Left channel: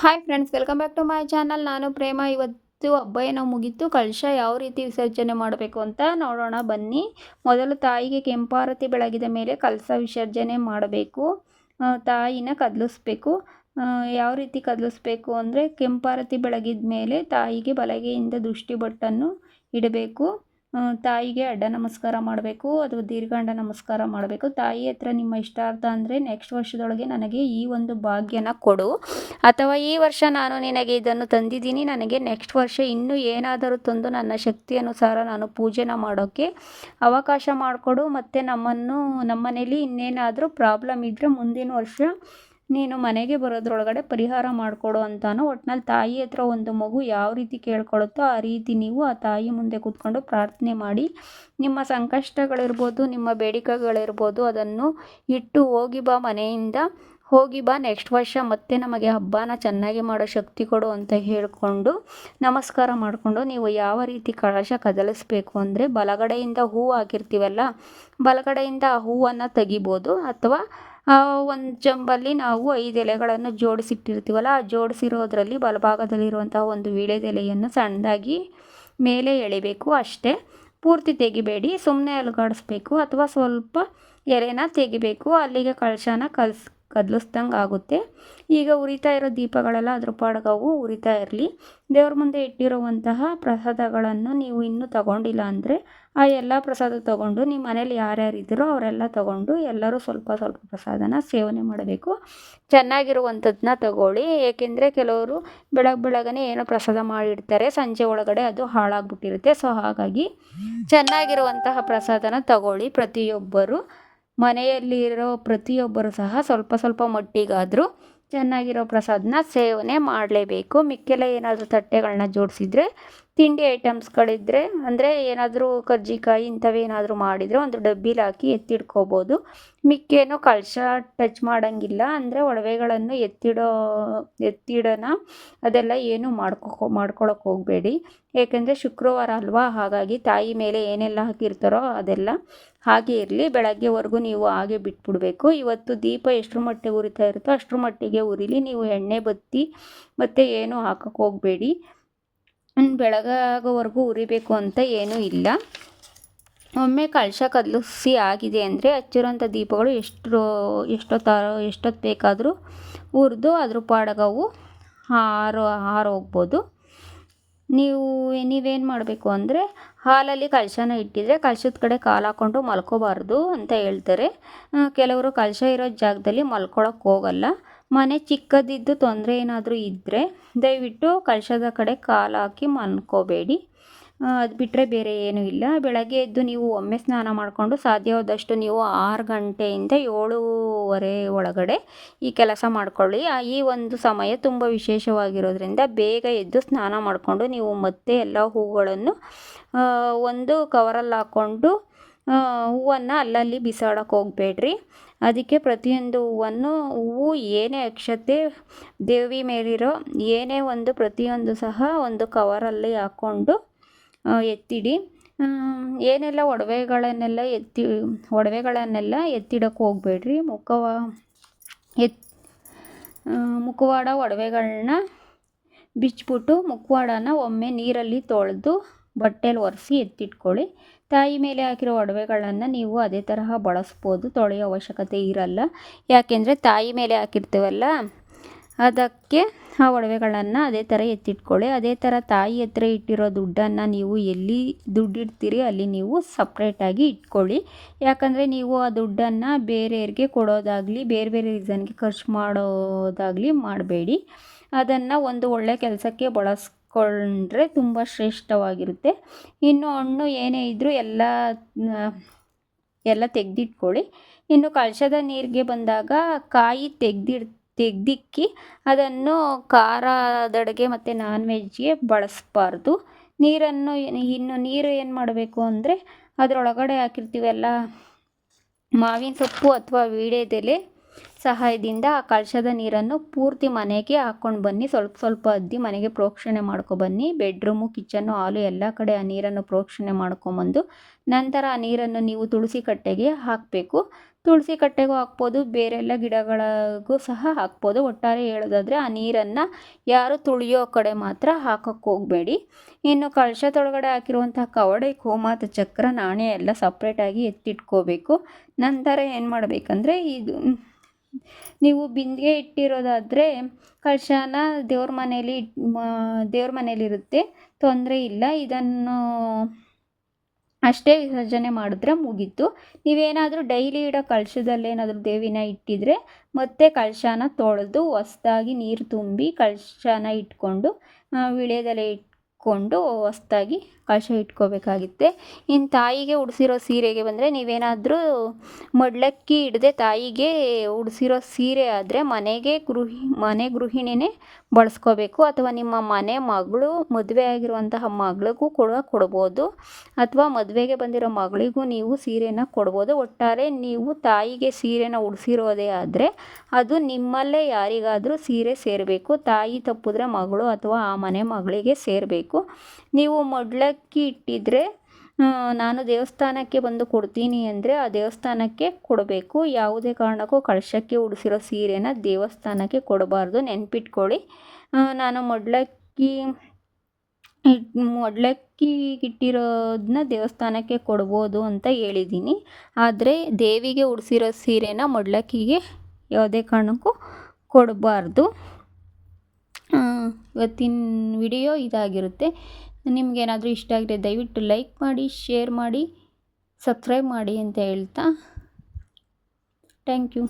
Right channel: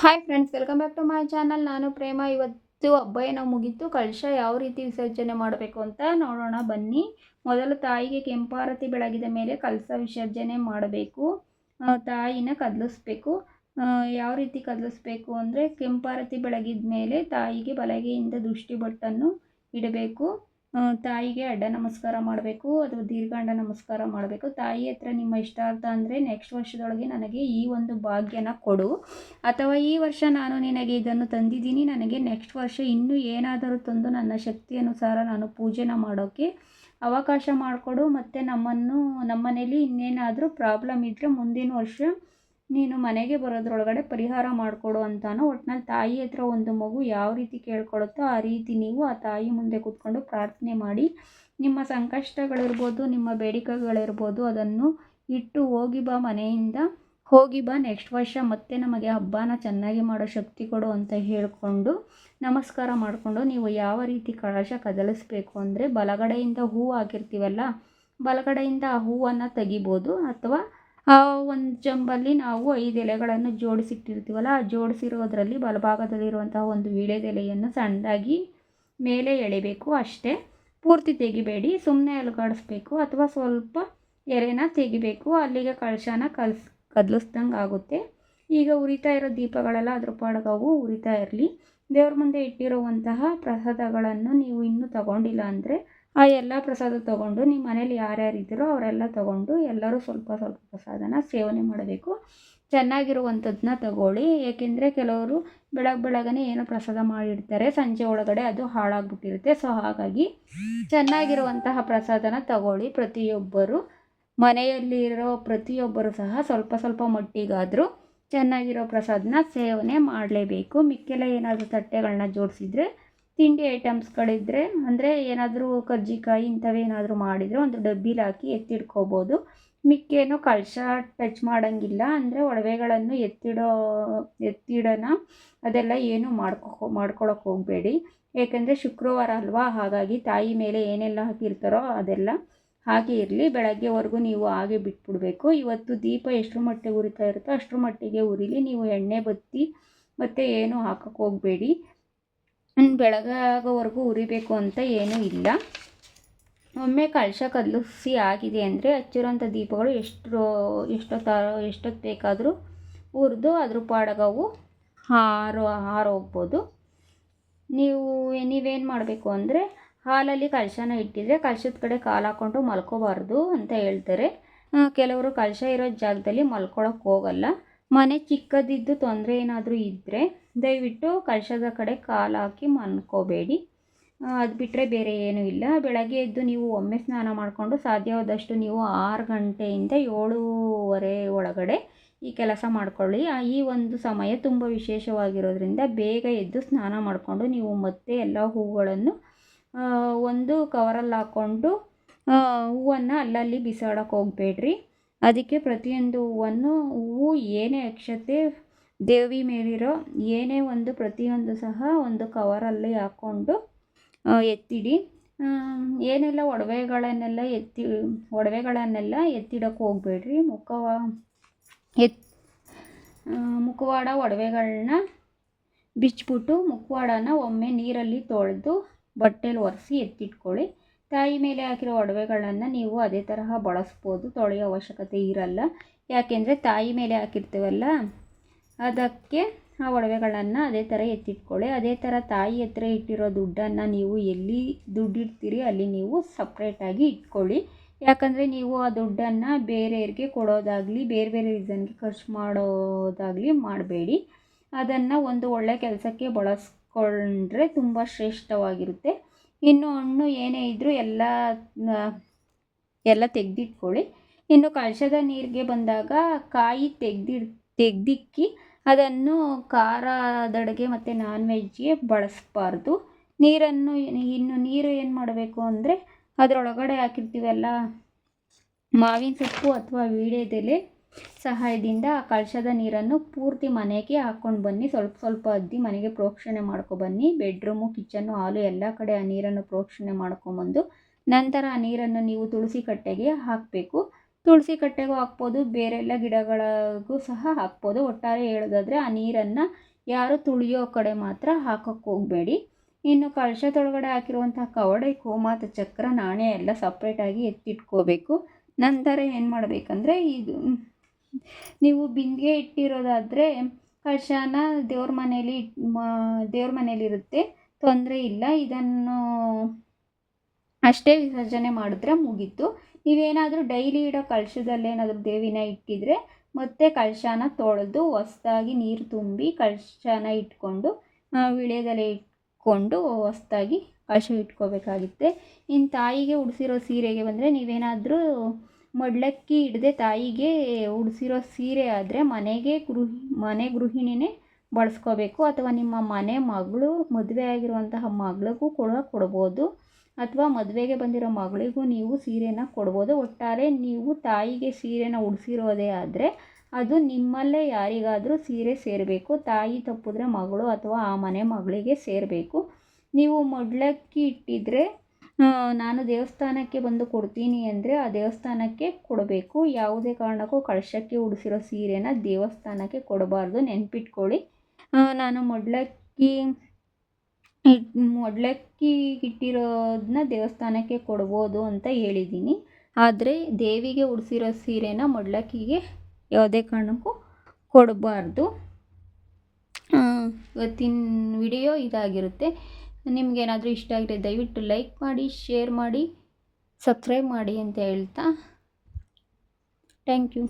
Hi friends, welcome back to my channel. ನಾನು ಪ್ರೇಮ. ಇವತ್ತು ಹಬ್ಬ ಏನೋ ಮುಗೀತು. ಕಳಶ ಯಾವ ರೀತಿ ವಿಸರ್ಜನೆ ಮಾಡಬೇಕು ಅಂತ ನೋಡೋಣ ಬನ್ನಿ. ಮೊದಲು ತಾಯಿಗೆ ಕೆಂಪಾರತಿ ಬೆಳಗಿದ ಮೇಲೆ ಕಳಶ ವಿಸರ್ಜನೆ ಮಾಡಬೇಕು. ತಾಯಿನ ಕದಲಿಸ್ಬೇಕು. ಯಾವ ರೀತಿ ಕದಲಿಸ್ಬೇಕು ಅಂದರೆ, ಕೆಂಪಾರತಿ ಬೆಳಗಿದ ಮೇಲೆ ತಾಯಿಗೆ ಬಲಗೈಯಿಂದ ದೃಷ್ಟಿ ಬೊಟ್ಟನ್ನು ಇಡಬೇಕು. ತಾಯಿಗೆ ಅಡ್ಡ ನಮಸ್ಕಾರ ಮಾಡಬೇಕು, ಅಥವಾ ದೀರ್ಘಾಂಡ ನಮಸ್ಕಾರ ಮಾಡಬೇಕು. ತಾಯಿ ಹತ್ರ ನಿಮ್ಮ ಇಷ್ಟಾರ್ಥ ಅಂದರೆ, ನೆಕ್ಸ್ಟ್ ವರ್ಷದೊಳಗೆ ನನಗೆ ಈ ಒಂದು ಭಾಗ್ಯನ ಕೊಡು, ಅಥವಾ ಈ ವರ್ಷ ನಾನು ನಿನಗೆ ಇದನ್ನು ತಂದಿದ್ದೀನಿ, ನನಗೆ ನೆಕ್ಸ್ಟ್ ವರ್ಷ ಇನ್ನೂ ಏನಾದರೂ ತಂದು ನನ್ನ ಶಕ್ತಿ ಅನುಸಾರ ನಾನು ಪೂಜೆನ ಮಾಡೋಕ್ಕೆ ಅವಕಾಶ ಮಾಡಿಕೊಡು. ಮತ್ತು ನಮ್ಮ ಮನೇಲಿ ಇನ್ನೇನಾದರೂ ಪ್ರಾಬ್ಲಮ್ ಇದ್ದರೆ ಮುಂದಿನ ವರ್ಷ ನೀನು ಮನೆಗೆ ಬರೋದ್ರೊಳಗಡೆ ಪರಿಹಾರ ಮಾಡಿಕೊಡು ಅಂತಾನು. ಒಟ್ನಲ್ಲಿ ತಾಯಿ ಹತ್ರ ಒಂದು ಮಗು ಯಾವ ರೀತಿ ಕೇಳ್ಕೊಳುತ್ತೋ ಆ ರೀತಿ ನೀವು ಆ ತಾಯಿ ಮುಂದೆ ಕೂತ್ಕೊಂಡು ಪ್ರಾರ್ಥನೆ ಮಾಡಿ, ನಿಮ್ಮ ಸಂಕಷ್ಟಗಳಿರ್ಬೋದು, ನಿಮ್ಮ ಬೇಡಿಕೆಗಳಿರ್ಬೋದು, ಅದನ್ನು ಇಟ್ಟು ಹೋಗಿ ಬಾ ಮನೆಯಿಂದ, ಹೋಗಿ ಬಾ, ನೆಕ್ಸ್ಟ್ ವರ್ಷ ಮತ್ತೆ ನಮಗೆ ಹಬ್ಬನ ಚೆನ್ನಾಗಿ ಮಾಡೋ ಶಕ್ತಿ ಕೊಡು ಅಂತ ಹೇಳಿಕೊಂಡು ನಮಸ್ಕಾರ ಮಾಡಿಕೊಂಡು ನೀವು ಯಾವ ರೀತಿ ಕಳಶ ಕದಲಿಸ್ಬೇಕು ಅಂದರೆ, ಬಲಗಡೆಯಿಂದ ಹೂವು ಹಾಕಿರ್ತೀವಲ್ಲ, ಬಲಗಡೆಯಿಂದ ಆ ಹೂವನ್ನು ತೆಗಿಬೋದು. ಅಥವಾ ಒಂದು ಚಂಬಲ್ಲಿ ನಾವು 5 ಎಲೆಗಳನ್ನು ಜೋಡಿಸಿಟ್ಟಿರ್ತೀವಲ್ಲ, ಆ ಜೋಡಿಸಿರೋದ್ರಲ್ಲಿ ಬಲಭಾಗದಲ್ಲಿರುವಂತಹ ಒಂದು ವೀಳ್ಯದೆಲೆಯನ್ನು ಸಣ್ಣದಾಗಿ ಮೇಲೆ ಎಳಿಬೇಕು ಅಷ್ಟೇ. ಪೂರ್ತಿ ತೆಗಿಬೇಡಿ, ಸುಮ್ಮನೆ ಅಲುಗಾಡಿಸ್ಬೇಕು, ಅಥವಾ ಸ್ವಲ್ಪ ಎಲೆನ ತೆಗಿಬೇಕು. ಅಲ್ಲಿಗೆ ಕಳಶನ ಕದಲಿಸ್ದಂಗೆ ಆಗುತ್ತೆ. ಈಗ ಉರಿತಾ ಇರೋ ದೀಪಗಳೆಲ್ಲ ಅದ್ರ ಪಾಡ್ಗೆ ಅವು ಉರಿತಾ ಇರಲಿ. ದೇವ್ರ ಮುಂದೆ ಇಟ್ಟಿರುವಂತಹ ಪ್ರಸಾದಗಳನ್ನು ನೀವು ಇನ್ನೂ ತಗೊಂಡಿಲ್ಲ ಅಂದರೆ, ಆ ಎಲ್ಲ ಪ್ರಸಾದ ತಗೊಂಡು ನಿಮ್ಮ ಮನೇಲಿ ಯಾರ್ಯಾರಿದ್ದೀರೋ ಅವರೆಲ್ಲ ತಗೊಂಡು ಎಲ್ಲರೂ ಸ್ವಲ್ಪ ಸ್ವಲ್ಪ ಪ್ರಸಾದನ ಸೇವನೆ ಮಾಡಬೇಕು. ಚೆನ್ನಾಗಿರುವಂಥದ್ದನ್ನ ತಗೊಳ್ಳಿ. ಏಕೆಂದರೆ ಕೆಲವರು ಬೆಳಗ್ನೆ ಏನೋ ಪ್ರಸಾದ ಮಾಡಿರ್ತಾರೆ, ಸಂಜೆ ಒಳಗಡೆ ಅದು ಹಾಳಾಗ್ಬಿಟ್ಟಿರುತ್ತೆ. ಸೊ ಹಾಗಾಗಿ ಚೆನ್ನಾಗಿರುವಂತಹ ಪ್ರಸಾದನ ತಗೊಳ್ಳಿ. ಪ್ರತಿಯೊಬ್ಬರು ಮನೆಯಲ್ಲಿರೋ ಪ್ರತಿಯೊಬ್ಬರು ಸಹ ಸ್ವಲ್ಪ ಸ್ವಲ್ಪ ಮಟ್ಟಿಗಾದರೂ ಚೆನ್ನಾಗಿರೋ ಪ್ರಸಾದನ ಸೇವನೆ ಮಾಡಲೇಬೇಕು. ಮಿಕ್ಕೆಲ್ಲ ಏನಾದರೂ ತಟ್ಟೆಗಳನ್ನ ಜೋಡಿಸಿದ್ರೆ, ತಿಂಡಿ ಐಟಮ್ಸ್ಗಳಿದ್ದರೆ, ಅಂದರೆ ಏನಾದರೂ ಕಜ್ಜಿಕಾಯಿ ಇಂಥವೇನಾದರೂ ಮಾಡಿದರೆ ಒಂದು ಡಬ್ಬಿಲಿ ಹಾಕಿ ಎತ್ತಿಡ್ಕೋಬೋದು. ಮಿಕ್ಕೇನು ಕಳಶ ಟಚ್ ಮಾಡೋಂಗಿಲ್ಲ. ಅಂದರೆ ಒಡವೆಗಳನ್ನು ಎತ್ತಿಡೋಣ ಅದೆಲ್ಲ ಏನು ಮಾಡ್ಕೊಳಕ್ಕೆ ಹೋಗಬೇಡಿ. ಏಕೆಂದರೆ ಶುಕ್ರವಾರ ಅಲ್ವಾ, ಹಾಗಾಗಿ ತಾಯಿ ಮೇಲೆ ಏನೆಲ್ಲ ಹಾಕಿರ್ತಾರೋ ಅದೆಲ್ಲ ಹಾಗೆ ಇರಲಿ. ಬೆಳಗ್ಗೆವರೆಗೂ ನೀವು ಹಾಗೆ ಬಿಟ್ಬಿಡಬೇಕು. ಇವತ್ತು ದೀಪ ಎಷ್ಟರ ಮಟ್ಟಿಗೆ ಉರಿತಾ ಇರುತ್ತೋ ಅಷ್ಟರ ಮಟ್ಟಿಗೆ ಉರಿಲಿ. ನೀವು ಎಣ್ಣೆ ಬತ್ತಿ ಮತ್ತು ಏನು ಹಾಕೋಕ್ಕೆ ಹೋಗಬೇಡಿ. ಬೆಳಗಾಗೋವರೆಗೂ ಉರಿಬೇಕು ಅಂತ ಏನೂ ಇಲ್ಲ. ಒಮ್ಮೆ ಕಳಶ ಕದಲಿಸಿ ಆಗಿದೆ ಅಂದರೆ ಹಚ್ಚಿರೋಂಥ ದೀಪಗಳು ಎಷ್ಟೊತ್ತು ಬೇಕಾದರೂ ಉರಿದು ಅದ್ರ ಪಾಡಗವು ಹಾರೋಗ್ಬೋದು. ನೀವೇನು ಮಾಡಬೇಕು ಅಂದರೆ, ಹಾಲಲ್ಲಿ ಕಳಶನ ಇಟ್ಟಿದ್ರೆ ಕಳಶದ ಕಡೆ ಕಾಲು ಹಾಕ್ಕೊಂಡು ಮಲ್ಕೋಬಾರ್ದು ಅಂತ ಹೇಳ್ತಾರೆ. ಕೆಲವರು ಕಳಶ ಇರೋ ಜಾಗದಲ್ಲಿ ಮಲ್ಕೊಳಕ್ಕೆ ಹೋಗಲ್ಲ. ಮನೆ ಚಿಕ್ಕದಿದ್ದು ತೊಂದರೆ ಏನಾದರೂ ಇದ್ದರೆ ದಯವಿಟ್ಟು ಕಳಶದ ಕಡೆ ಕಾಲು ಹಾಕಿ ಮಲ್ಕೋಬೇಡಿ. ಅದು ಬಿಟ್ಟರೆ ಬೇರೆ ಏನೂ ಇಲ್ಲ. ಬೆಳಗ್ಗೆ ಎದ್ದು ನೀವು ಒಮ್ಮೆ ಸ್ನಾನ ಮಾಡಿಕೊಂಡು ಸಾಧ್ಯವಾದಷ್ಟು ನೀವು 6 ಗಂಟೆಯಿಂದ 7:30 ಒಳಗಡೆ ಈ ಕೆಲಸ ಮಾಡಿಕೊಳ್ಳಿ. ಈ ಒಂದು ಸಮಯ ತುಂಬ ವಿಶೇಷವಾಗಿರೋದ್ರಿಂದ ಬೇಗ ಎದ್ದು ಸ್ನಾನ ಮಾಡಿಕೊಂಡು ನೀವು ಮತ್ತೆ ಎಲ್ಲ ಹೂಗಳನ್ನು ಒಂದು ಕವರಲ್ಲಿ ಹಾಕ್ಕೊಂಡು ಹೂವನ್ನು ಅಲ್ಲಲ್ಲಿ ಬಿಸಾಡೋಕ್ಕೆ ಹೋಗಬೇಡ್ರಿ. ಅದಕ್ಕೆ ಪ್ರತಿಯೊಂದು ಹೂವು ಏನೇ ಅಕ್ಷತೆ, ದೇವಿ ಮೇಲಿರೋ ಏನೇ ಒಂದು ಪ್ರತಿಯೊಂದು ಸಹ ಒಂದು ಕವರಲ್ಲಿ ಹಾಕ್ಕೊಂಡು ಎತ್ತಿಡಿ. ಏನೆಲ್ಲ ಒಡವೆಗಳನ್ನೆಲ್ಲ ಎತ್ತಿಡೋಕ್ಕೆ ಹೋಗಬೇಡ್ರಿ. ಮುಖವಾಡ ಒಡವೆಗಳನ್ನ ಬಿಚ್ಚಿಬಿಟ್ಟು ಮುಖವಾಡನ ಒಮ್ಮೆ ನೀರಲ್ಲಿ ತೊಳೆದು ಬಟ್ಟೆಲಿ ಒರೆಸಿ ಎತ್ತಿಟ್ಕೊಳ್ಳಿ. ತಾಯಿ ಮೇಲೆ ಹಾಕಿರೋ ಒಡವೆಗಳನ್ನು ನೀವು ಅದೇ ತರಹ ಬಳಸ್ಬೋದು, ತೊಳೆಯೋ ಅವಶ್ಯಕತೆ ಇರಲ್ಲ. ಯಾಕೆಂದರೆ ತಾಯಿ ಮೇಲೆ ಹಾಕಿರ್ತೀವಲ್ಲ, ಅದಕ್ಕೆ ಆ ಒಡವೆಗಳನ್ನು ಅದೇ ಥರ ಎತ್ತಿಟ್ಕೊಳ್ಳಿ. ಅದೇ ಥರ ತಾಯಿ ಹತ್ರ ಇಟ್ಟಿರೋ ದುಡ್ಡನ್ನು ನೀವು ಎಲ್ಲಿ ದುಡ್ಡಿಡ್ತೀರಿ ಅಲ್ಲಿ ನೀವು ಸಪ್ರೇಟಾಗಿ ಇಟ್ಕೊಳ್ಳಿ. ಯಾಕಂದರೆ ನೀವು ಆ ದುಡ್ಡನ್ನು ಬೇರೆಯವ್ರಿಗೆ ಕೊಡೋದಾಗಲಿ ಬೇರೆ ಬೇರೆ ರೀಸನ್ಗೆ ಖರ್ಚು ಮಾಡೋದಾಗಲಿ ಮಾಡಬೇಡಿ. ಅದನ್ನು ಒಂದು ಒಳ್ಳೆ ಕೆಲಸಕ್ಕೆ ಬಳಸ್ಕೊಂಡ್ರೆ ತುಂಬ ಶ್ರೇಷ್ಠವಾಗಿರುತ್ತೆ. ಇನ್ನು ಹಣ್ಣು ಏನೇ ಇದ್ದರೂ ಎಲ್ಲ ತೆಗೆದಿಟ್ಕೊಳ್ಳಿ. ಇನ್ನು ಕಳಶದ ನೀರಿಗೆ ಬಂದಾಗ ಕಾಯಿ ತೆಗೆದಿಕ್ಕಿ ಅದನ್ನು ಖಾರದಡುಗೆ ಮತ್ತು ನಾನ್ ವೆಜ್ಗೆ ಬಳಸಬಾರ್ದು. ನೀರು ಏನು ಮಾಡಬೇಕು ಅಂದರೆ, ಅದರೊಳಗಡೆ ಹಾಕಿರ್ತೀವಲ್ಲ ಮಾವಿನ ಸೊಪ್ಪು ಅಥವಾ ವೀಳ್ಯದೆಲೆ ಸಹಾಯದಿಂದ ಆ ಕಳಶದ ನೀರನ್ನು ಪೂರ್ತಿ ಮನೆಗೆ ಹಾಕ್ಕೊಂಡು ಬನ್ನಿ. ಸ್ವಲ್ಪ ಸ್ವಲ್ಪ ಅದ್ದಿ ಮನೆಗೆ ಪ್ರೋಕ್ಷಣೆ ಮಾಡ್ಕೊಬನ್ನಿ. ಬೆಡ್ರೂಮು, ಕಿಚನ್ನು, ಹಾಲು ಎಲ್ಲ ಕಡೆ ಆ ನೀರನ್ನು ಪ್ರೋಕ್ಷಣೆ ಮಾಡ್ಕೊಂಬಂದು ನಂತರ ಆ ನೀರನ್ನು ನೀವು ತುಳಸಿ ಕಟ್ಟೆಗೆ ಹಾಕಬೇಕು. ತುಳಸಿ ಕಟ್ಟೆಗೂ ಹಾಕ್ಬೋದು, ಬೇರೆಲ್ಲ ಗಿಡಗಳಿಗೂ ಸಹ ಹಾಕ್ಬೋದು. ಒಟ್ಟಾರೆ ಹೇಳೋದಾದರೆ ಆ ನೀರನ್ನು ಯಾರು ತುಳಿಯೋ ಕಡೆ ಮಾತ್ರ ಹಾಕೋಕ್ಕೆ ಹೋಗಬೇಡಿ. ಇನ್ನು ಕಳಶದೊಳಗಡೆ ಹಾಕಿರುವಂಥ ಕವಡೆ, ಗೋಮಾತ ಚಕ್ರ, ನಾಣ್ಯ ಎಲ್ಲ ಸಪ್ರೇಟಾಗಿ ಎತ್ತಿಟ್ಕೋಬೇಕು. ನಂತರ ಏನು ಮಾಡಬೇಕಂದ್ರೆ, ಇದು ನೀವು ಬಿಂದಿಗೆ ಇಟ್ಟಿರೋದಾದರೆ ಕಳಶನ ದೇವ್ರ ಮನೇಲಿರುತ್ತೆ, ತೊಂದರೆ ಇಲ್ಲ. ಇದನ್ನು ಅಷ್ಟೇ ವಿಸರ್ಜನೆ ಮಾಡಿದ್ರೆ ಮುಗೀತು. ನೀವೇನಾದರೂ ಡೈಲಿ ಇಡೋ ಕಳಶದಲ್ಲೇನಾದರೂ ದೇವಿನ ಇಟ್ಟಿದ್ರೆ ಮತ್ತೆ ಕಳಶನ ತೊಳೆದು ಹೊಸ್ದಾಗಿ ನೀರು ತುಂಬಿ ಕಳಶನ ಇಟ್ಕೊಂಡು ವಿಳ್ಯದೆಲೆ ಇಟ್ಕೊಂಡು ಹೊಸ್ದಾಗಿ ಕಳಶ ಇಟ್ಕೋಬೇಕಾಗುತ್ತೆ. ಇನ್ನು ತಾಯಿಗೆ ಉಡಿಸಿರೋ ಸೀರೆಗೆ ಬಂದರೆ, ನೀವೇನಾದರೂ ಮಡ್ಲಕ್ಕಿ ಇಡದೆ ತಾಯಿಗೆ ಉಡಿಸಿರೋ ಸೀರೆ ಆದರೆ ಮನೆ ಗೃಹಿಣಿನೇ ಬಳಸ್ಕೋಬೇಕು, ಅಥವಾ ನಿಮ್ಮ ಮನೆ ಮಗಳು, ಮದುವೆ ಆಗಿರುವಂತಹ ಮಗಳಿಗೂ ಕೂಡ ಕೊಡ್ಬೋದು, ಅಥವಾ ಮದುವೆಗೆ ಬಂದಿರೋ ಮಗಳಿಗೂ ನೀವು ಸೀರೆನ ಕೊಡ್ಬೋದು. ಒಟ್ಟಾರೆ ನೀವು ತಾಯಿಗೆ ಸೀರೆನ ಉಡಿಸಿರೋದೇ ಆದರೆ ಅದು ನಿಮ್ಮಲ್ಲೇ ಯಾರಿಗಾದರೂ ಸೀರೆ ಸೇರಬೇಕು. ತಾಯಿ ತಪ್ಪಿದ್ರೆ ಮಗಳು ಅಥವಾ ಆ ಮನೆ ಮಗಳಿಗೆ ಸೇರಬೇಕು. ನೀವು ಮಡ್ಲಕ್ಕಿ ಇಟ್ಟಿದ್ರೆ ನಾನು ದೇವಸ್ಥಾನಕ್ಕೆ ಬಂದು ಕೊಡ್ತೀನಿ ಅಂದರೆ ಆ ದೇವಸ್ಥಾನಕ್ಕೆ ಕೊಡಬೇಕು. ಯಾವುದೇ ಕಾರಣಕ್ಕೂ ಕಳಶಕ್ಕೆ ಉಡಿಸಿರೋ ಸೀರೆನ ದೇವಸ್ಥಾನಕ್ಕೆ ಕೊಡಬಾರ್ದು, ನೆನ್ಪಿಟ್ಕೊಳ್ಳಿ. ನಾನು ಮಡ್ಲಕ್ಕಿ ಇಟ್ಟಿರೋದನ್ನ ದೇವಸ್ಥಾನಕ್ಕೆ ಕೊಡ್ಬೋದು ಅಂತ ಹೇಳಿದ್ದೀನಿ. ಆದರೆ ದೇವಿಗೆ ಉಡಿಸಿರೋ ಸೀರೆನ ಮಡ್ಲಕ್ಕಿಗೆ ಯಾವುದೇ ಕಾರಣಕ್ಕೂ ಕೊಡಬಾರ್ದು. ಇವತ್ತಿನ ವಿಡಿಯೋ ಇದಾಗಿರುತ್ತೆ. ನಿಮಗೇನಾದರೂ ಇಷ್ಟ ಆಗಿದ್ರೆ ದಯವಿಟ್ಟು ಲೈಕ್ ಮಾಡಿ, ಶೇರ್ ಮಾಡಿ, ಸಬ್ಸ್ಕ್ರೈಬ್ ಮಾಡಿ ಅಂತ ಹೇಳ್ತಾ ಥ್ಯಾಂಕ್ ಯು.